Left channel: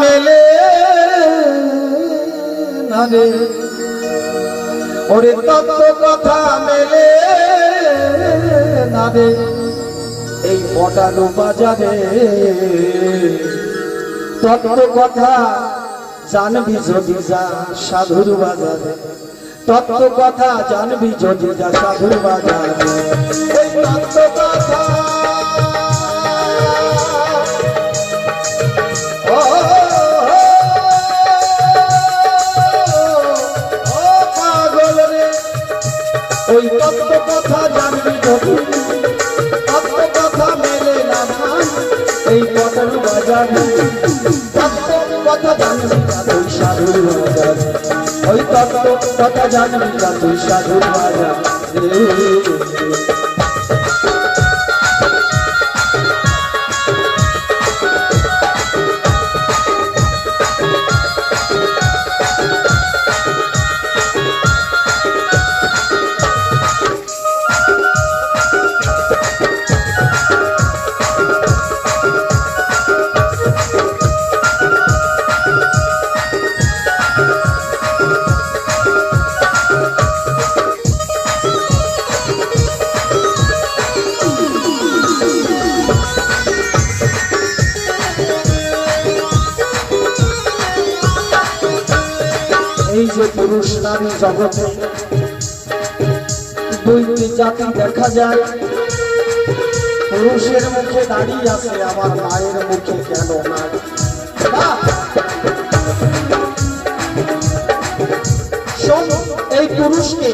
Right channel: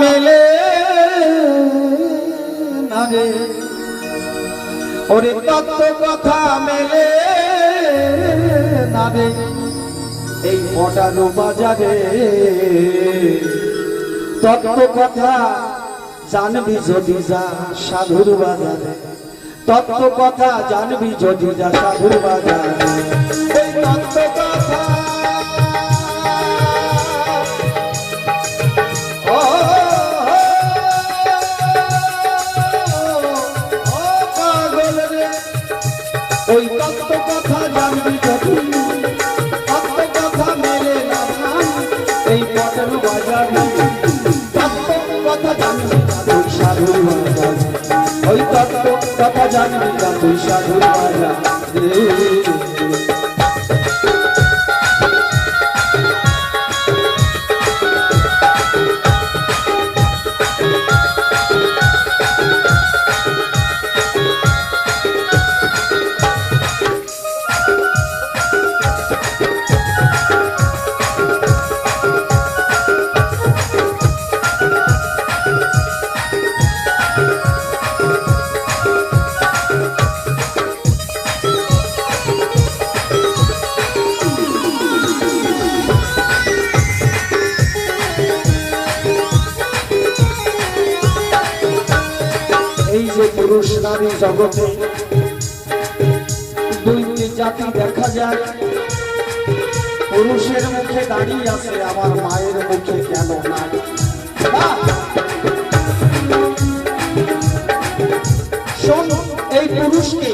মেলে না রে, ওরে তত্ত্ব কথা মেলে না রে, এই পটানো বাজারে তত্ত্ব কথা জানবি যদি যা সাধুর বাজারে, তত্ত্ব কথা জানবি যদি যা সাধুর বাজারে। এই তত্ত্ব কথা পাগল রে, ওই তত্ত্ব কথা জানবি যদি, তত্ত্ব কথা মেলে না এই পটানো বাজারে, তত্ত্ব কথা জানবি না তুই সাধুর বাজারে, ওই তত্ত্ব কথা জানবি না তুই সাধুর বাজারে। এই যে পুরুষ নারী জগতে দুইটি জাতি দেখা যায়, পুরুষের মুখে দাঁড়িয়ে আছে আবার মায়ের মুখে কেন নাই। এই পুরুষকে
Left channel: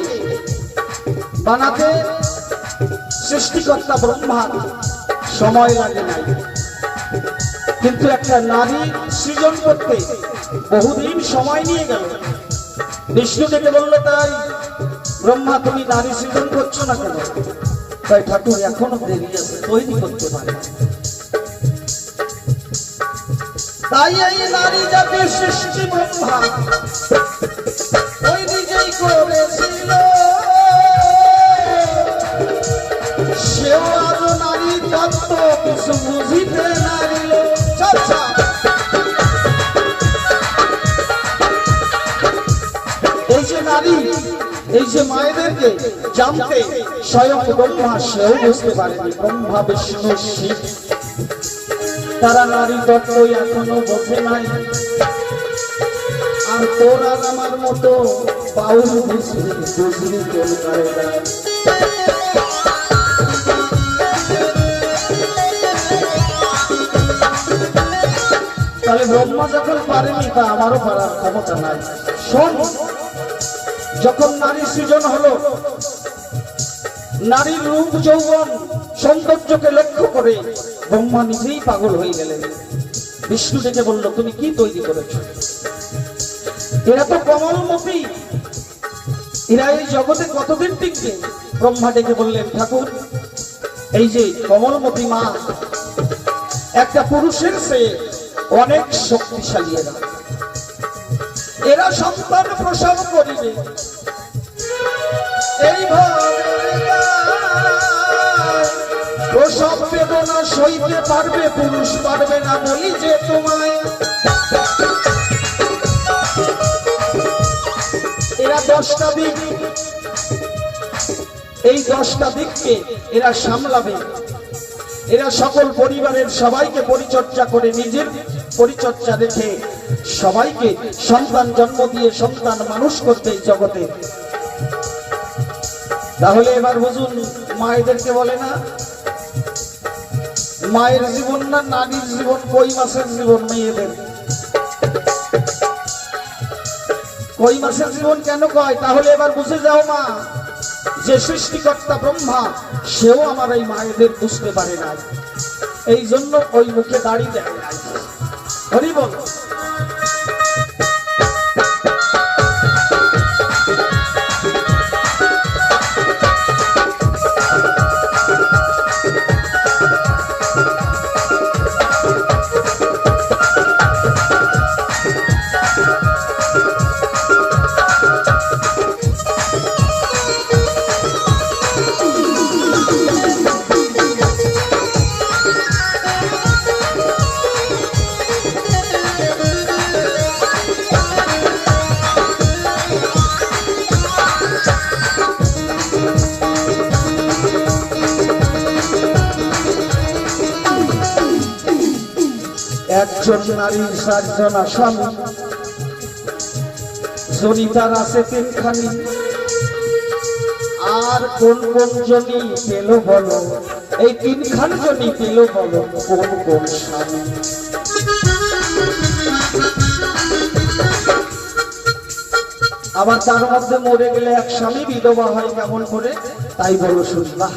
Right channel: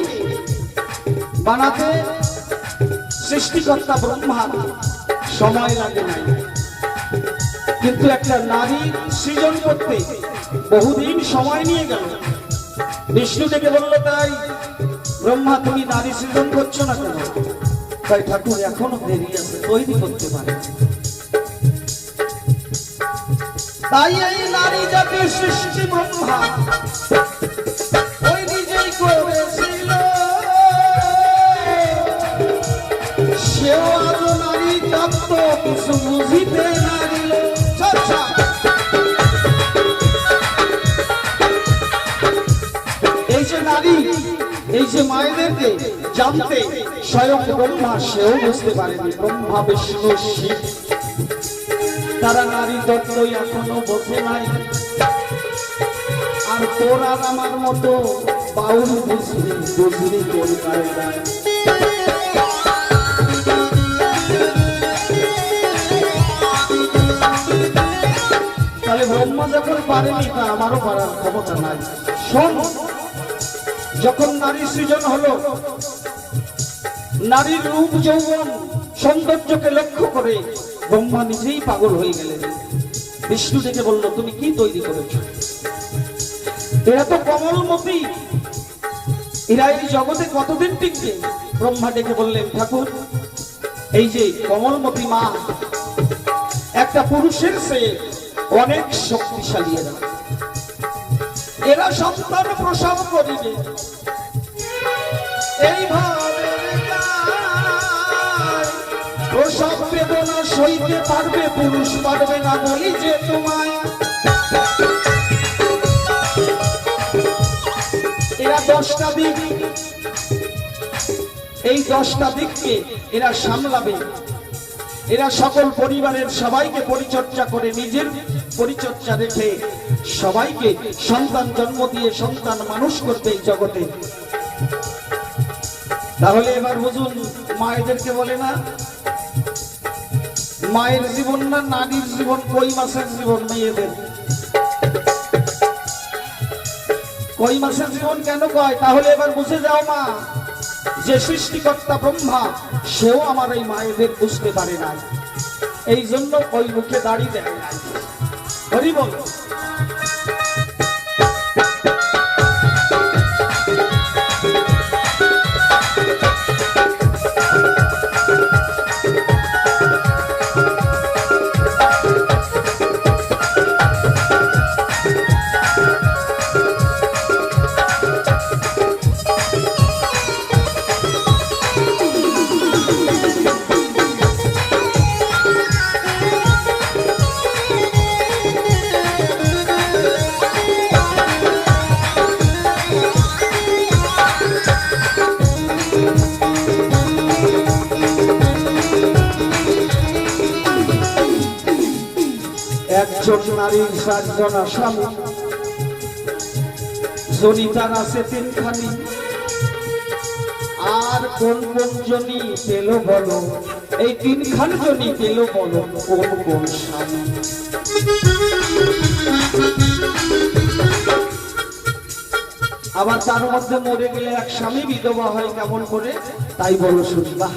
বানাতে সৃষ্টিকর্তা ব্রহ্মার সময় লাগে নাই, কিন্তু একটা নারী সৃজন করতে বহুদিন সময় নিয়ে গেল। বিষ্ণু ডেকে বললো, তাই ব্রহ্মা তুমি নারী সৃজন করছো না কেন? তাই ঠাকুর এখনো দেরি আছে, তৈরি করতে পারে। তাই এই নারী জাতির সৃষ্টি ব্রহ্মা ওই নিজেই করেছিল, সেও আজ নারী তত্ত্ব কিছু বুঝিতে নারী। এই যে নারী, এই যে মায়েদেরকে জানতে স্বয়ং ব্রহ্মা সেও বুঝতে পারেনি। ব্রহ্মা বিষ্ণু শিব তারা নারী তত্ত্ব এখনো বোঝে নাই। আর তোর আর আমার মতো বাউল বুঝলি কোন কারণে। তাহলে ব্রহ্মা যখন পারেনি, তা আমারও পারার ক্ষমতা নাই। শোন, যখন নারী সৃজন হলো, নারীর রূপ যৌবন সৌন্দর্যকে লক্ষ্য করে ব্রহ্মা নিজেই পাগল হয়ে গেলেন। বিষ্ণু ডেকে বলল, তুমি কি তৈরি করেছ? এরা তো কমলমতি, এরা এই জগতে কতদিন টিকবে? ব্রহ্মা ডেকে বললেন, ঠাকুর এই যে কমলমতি মা একটা পুরুষের চেয়ে অনেক শক্তিশালী। এরা সন্তান প্রসব করিবে, এইভাবে প্রসব বেদনা সইতে পারবে, পুরুষ পারবে না বলি যে তোমায়। এরা 10টা দিক, এই 10টা দিককে এরা সামলাবে। এরা সকল পরিবারের সবাইকে পরিচর্যা করে, নিজের পরিচর্যা রেখে সবাইকে সন্তান জন্ম দিয়ে সন্তান মানুষ করবে এই জগতে। তাহলে এবার বুঝুন, মায়েদেরকে বলে না মায়ের জীবন না নারীর জীবন, কই মাসের জীবন মেয়েদের? কই মাসের জীবন কেন কয়? তাহলে এবার বুঝে যাও মা, যে সৃষ্টিকর্তা ব্রহ্মা সেও আমার এই মায়েদের বুঝতে পারে না, এই জন্য ওই মুখে দাঁড়িয়ে দেয় না। হরি বল। একজন নারীর 7 জন স্বামী, জনিতার আছে 3খানি। আর কোন কোন জনি পেল বলো, এই 3খান জনি পেল বলো কোন কোন স্বামী? আবার তার মধ্যে মরে গেলে এক স্বামী বিধবা হয় কেমন করে, তাই বলো শুনবা।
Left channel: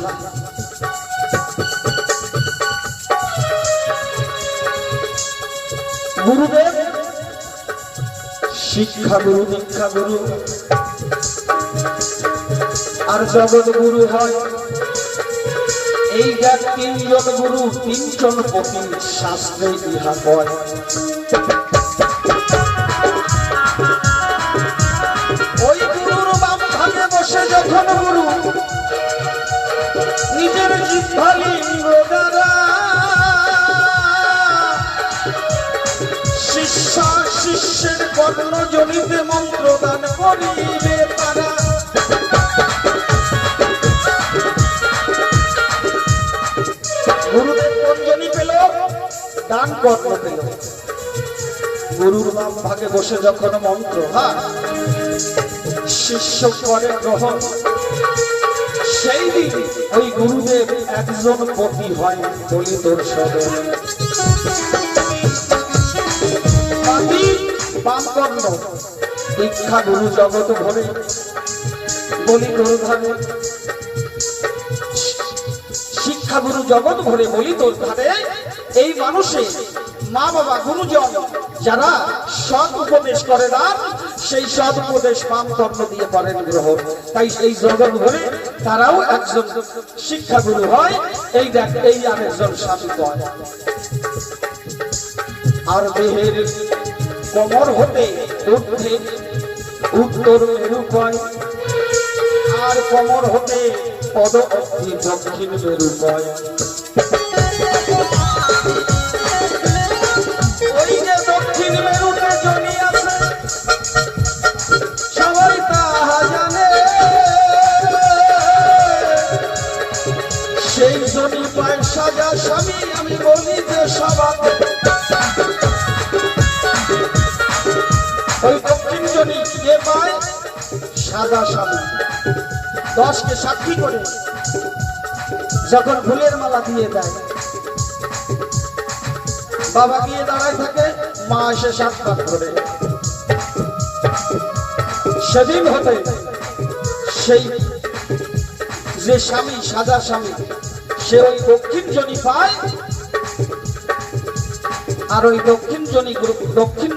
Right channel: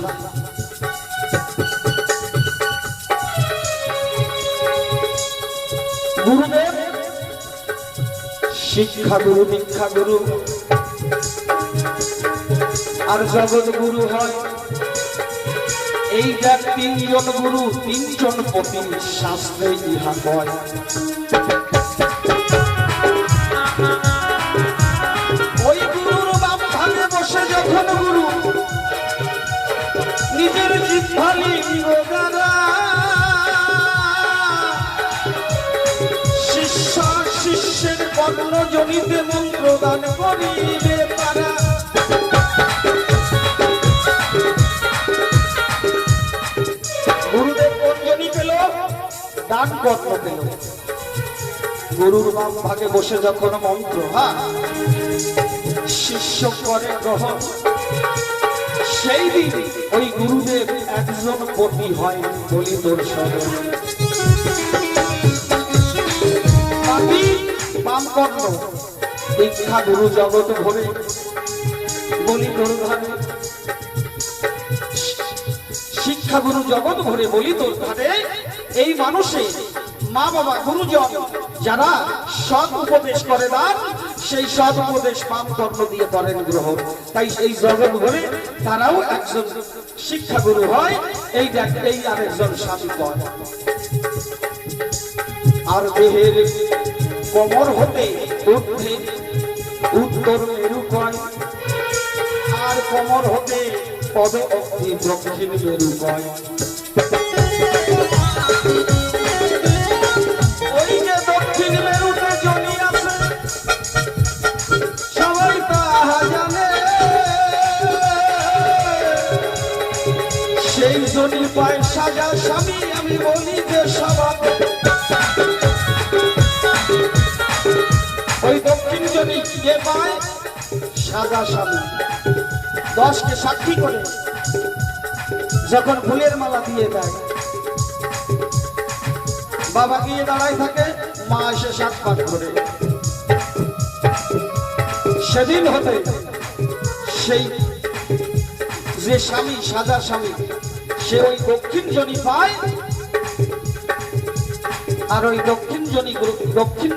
গুরুদেব শিক্ষা গুরু, দীক্ষা গুরু আর জগৎ গুরু হয় এই দেখ 3 জন গুরু 3 জন পতি, শাস্ত্রে ইহা কয়। ওই গুরুর বাম ভাগে বসে যখন গুরু নিজের জিহ্বা লিঙ্গ দ্বারা শিষ্যা শিষ্যের কর্ণ জনিতে মন্ত্র দান করিবে তারা। গুরুদেব কোন জনি পেল? দান কর্ণ পেল। গুরুর বাম ভাগে বসে যখন মন্ত্র শিষ্য করে গ্রহণ, সেই দিন ওই গুরুদেব একজন পতি হয় বলি তোর সদন। বাম কর্ণ দীক্ষা গুরু জগৎ ভরে বলি তোর ধারে, শিক্ষা গুরু জগৎ ভরে বলি তোর ধারে। এই মানুষে মা বাবা গুরুজন যারা সৎ উপদেশ করে দান, সেই সৎ উপদেশ বাম কর্ণ দিয়ে করেন গ্রহণ। তাই এই জগৎ ভরে তারাও একজন শিক্ষা গুরু হয়। এই দেখ এই আরেকজন স্বামী কয়। আর দেহের কোমর হতে ঊর্ধ্বে উত্তর মেরু কয়, আর কোমর হতে পদ অব্দি দক্ষিণ মেরু কয়। ওই যে দক্ষিণ মেরুতে জনি আছে সবাই তাহা জানে, সেই জনি পায় সাজা স্বামী, আমি বলি যে সবাই। ওই দক্ষিণ জনি যে পায় সাদা স্বামী, 10কে সাক্ষী করে যখন ফুলের মালা দিয়ে দেয়, বাবা গিয়ে দাঁড়ায় থাকে, মা এসে সাক্ষাৎ করে। সেদিন হতে সেই যে স্বামী সাদা স্বামী, সে ওই দক্ষিণ জনি পায়। আর ওই দক্ষিণ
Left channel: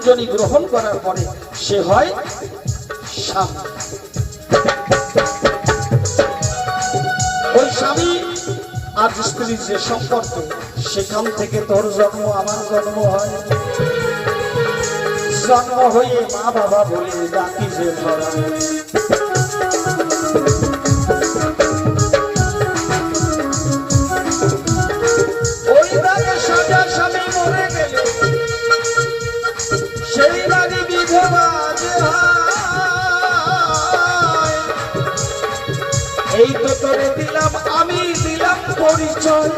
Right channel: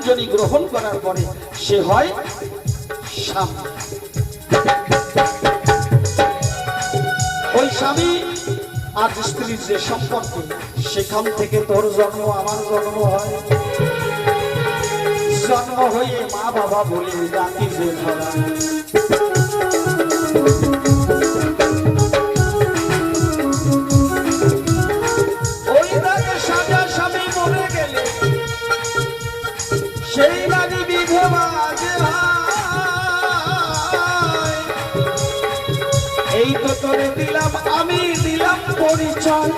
জনি গ্রহণ করার পরে সে হয় স্বামী। ওই স্বামী আর স্ত্রীর যে সম্পর্ক, সেখান থেকে তোর জন্ম আমার জন্ম হয়। জন্ম হয়ে মা বাবা বলে ডাকি যে ভাই। ওই দাগে সাজা স্বামী মরে গেলে সেই নারী বিধবা যে হয়। এই তো তোরে দিলাম, আমি দিলাম পরিচয়।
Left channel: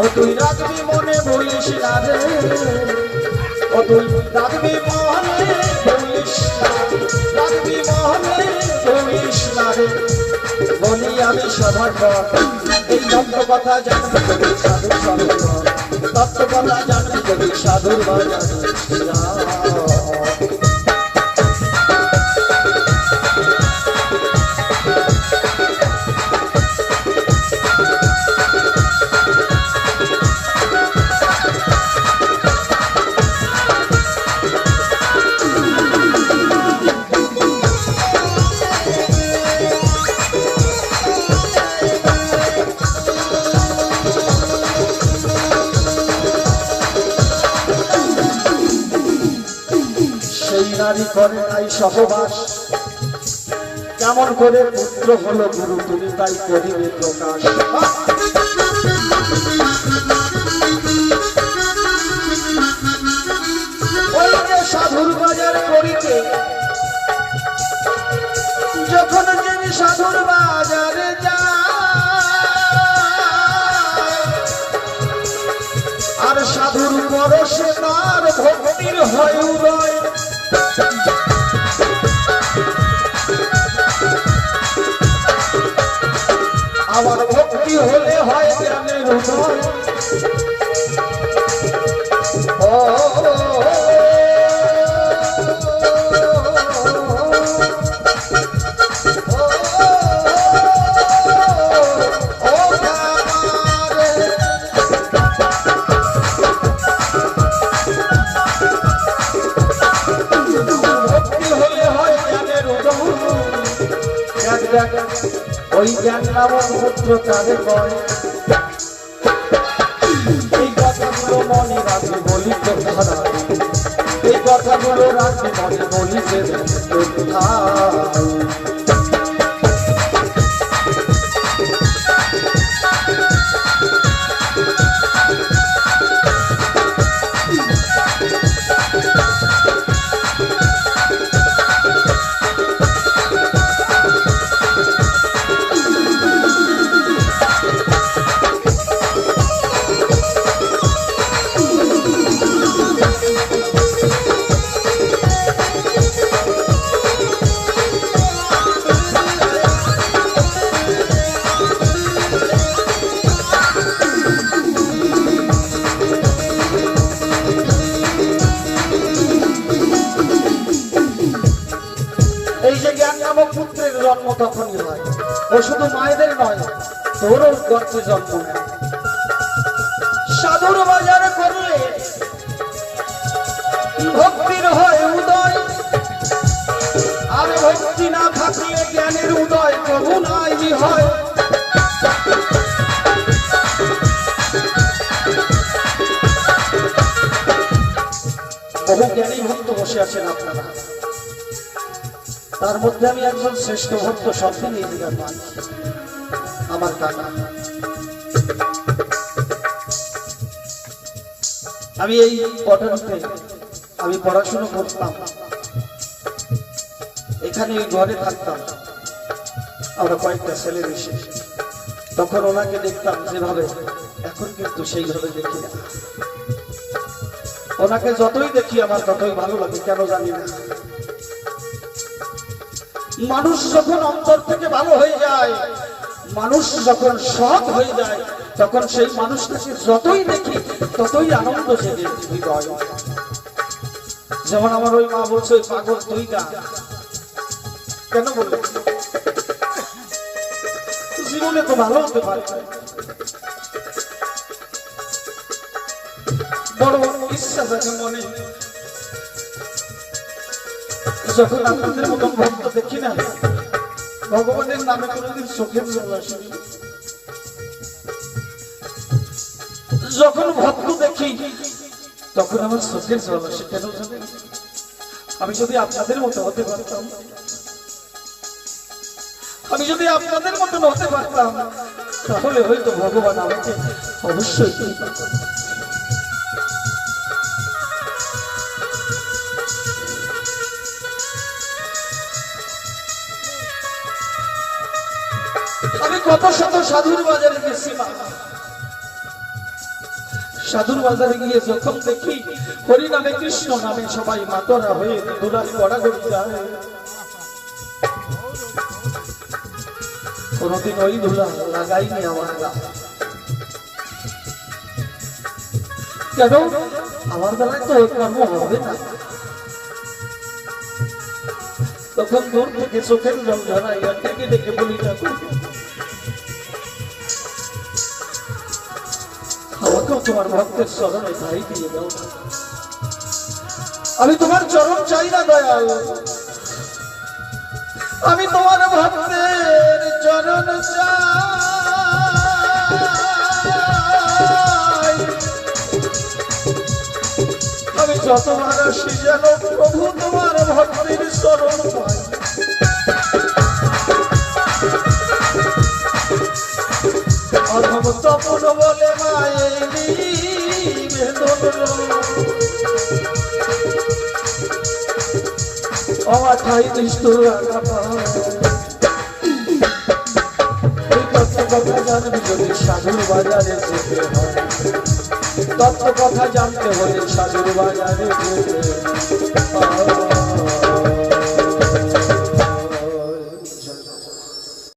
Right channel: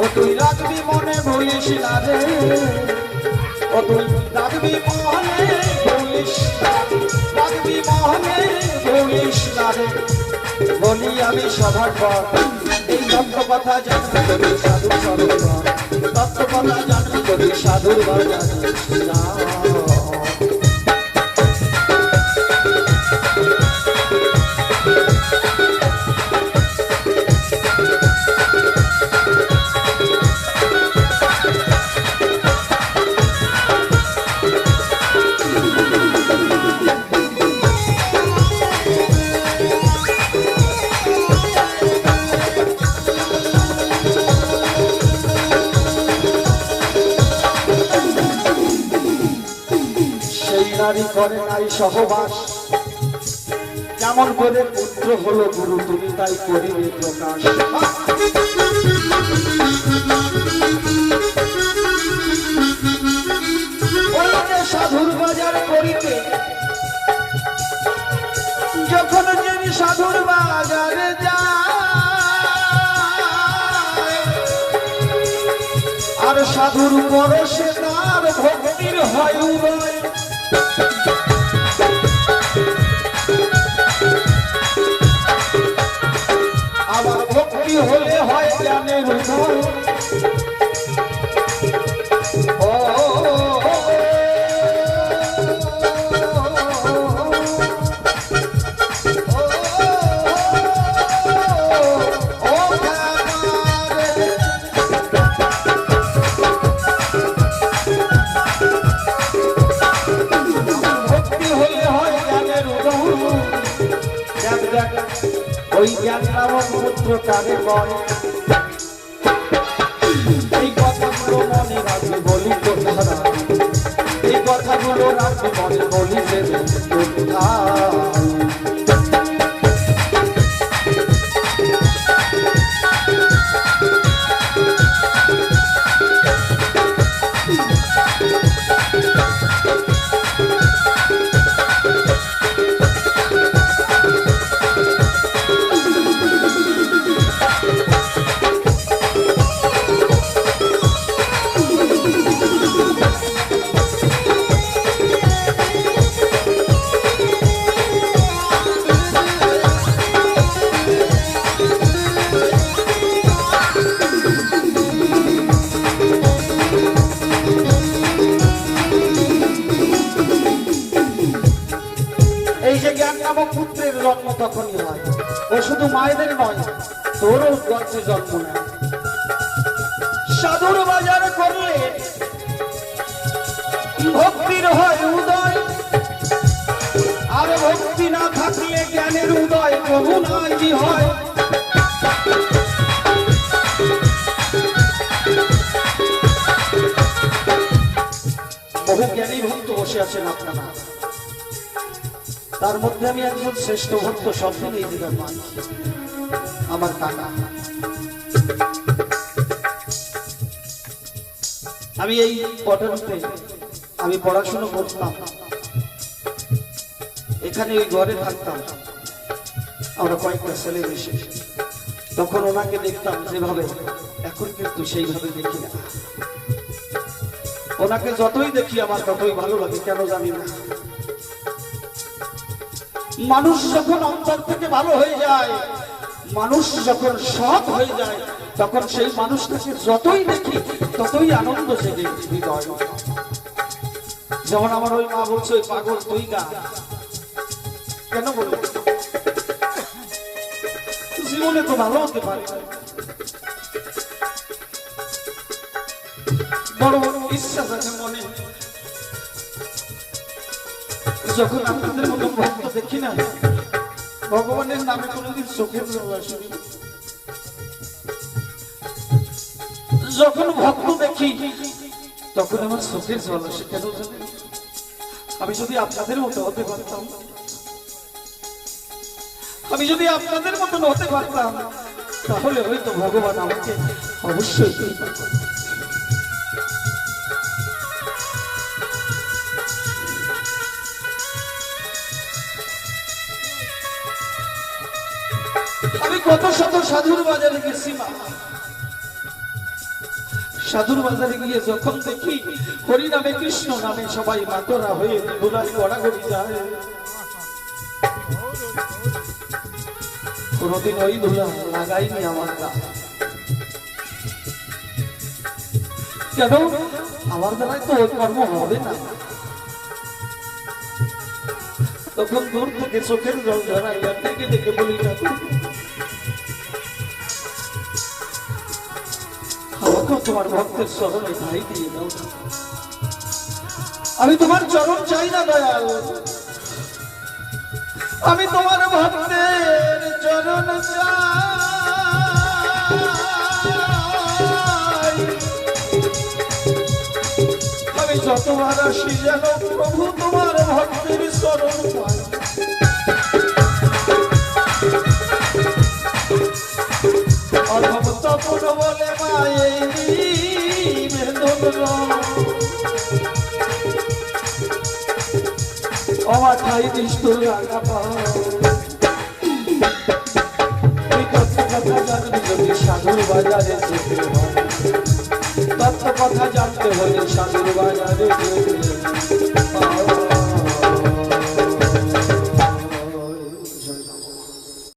ও তুই রাখবি মনে ভুলিস না রে, ও তুই রাখবি মনে ভুলিস না, রাখবি মনে ভুলিস না রে। বলি আমি সভাপত, এই তত্ত্ব কথা জানবি যদি সাধুর সরোবর, তত্ত্ব কথা জানবি যদি সাধুর বাজার। নারী করে নাই সহবাস, কেমন করে পুত্র হলো গুরু, তুমি তাই করিবে প্রকাশ। সাধুর বাজার করিতে যখন যিনি সাধুর বাজারে যায়, সাধুর পরশে তার ভক্তির হয় উদয়, আমার ভক্তি হলে হয় জ্ঞানের উদয়। ওই জ্ঞান নামক পুত্র কারে কয়, এই কথাগুলো মনে রাখবে বলি কোথা, এই কথাগুলো রাখবে মনে বলি যে পুত্রের জন্ম তখনই হয়। ও শুধু মায়েদের নয়, তোরও গর্ভে জন্ম নেয়। সাধুর বাজার করলে ভক্তির হয় উদয়, আর ভক্তি না থাকলে জ্ঞানের উদয় প্রভু নাই হয়। বহু জ্ঞানী ভক্ত বসে আছেন আপনারা, তার মধ্যে আমি একজন শ্রেষ্ঠ ভক্ত স্বপ্ন নিয়ে দিলাম, আমার কাকা। আমি এই পটনতে আমি পড়াশোনা করতাম, এখানে ওই ঘরে থাকতাম, আমরা কয়েকটা ছেলে মিশে। তখন ওনাকে দেখতাম যেভাবে, এখন কিন্তু সেইভাবে দেখি না। ওনাকে যতই দেখি আমার ততই ভালো লাগে, কেন জানি না। মানুষ যখন অন্তর থেকে ভালো হয়ে যায়, মানুষ যখন সৎ হয়ে যায়, তখন সেই মানুষটাকে যতই দেখি ততই আনন্দ জেগে হৃদয়। যেমন আমার ওই মা বলছে, ওই পাগল তুই গা, কেন বলল? জীবনে তো ভালো হতে পারে, বড় ইচ্ছা থাকে মনে। যখন আপনাদের মতো ভক্ত দেখি না, ভগবানের নামে কোনোদিন চোখের জল আসেনি। যখন ভক্ত দেখি তখন আমার চোখের জল আসে, কেন জানেন? আমি যদি আপনাদের মতো হতে পারতাম, আমি যদি আপনাদের মতন হতে পারতাম, তাহলে হয়তো ভগবান আমাকে অবশ্যই। আমি কত শত সাধুর বাজারে গেছি, সাধুর বাজারে গিয়ে যখন দেখি হরি নামে কৃষ্ণ নামে সবাই মাতরা হয়ে দুলাই গড়াগড়ি যায়, কোনদিন ওই ধুলা লাগাইনি আমার গায়ে। কেন? আমার দ্বারাই তো ওই কর্ম হবে না। তখন দূর থেকে চোখের জল ধরাই, ডেকে ডেকে বলি, আমাকেও তোমার ভক্তের চরণে ভাই দিয়ে দাও। আমি তোমার চরণ চাই না দয়াল, আমি তোমার ভক্তের চরণ চাই। আমি যতবার আসি যেন প্রভু তোমার ভক্তের চরণ পাই। তপন বলে আমার ঠাই নিষ্ঠুর জানবি যদি সাধুর বাজারে যেতে হয়, কথা জানতে হলে সাগর বাজারে যেতে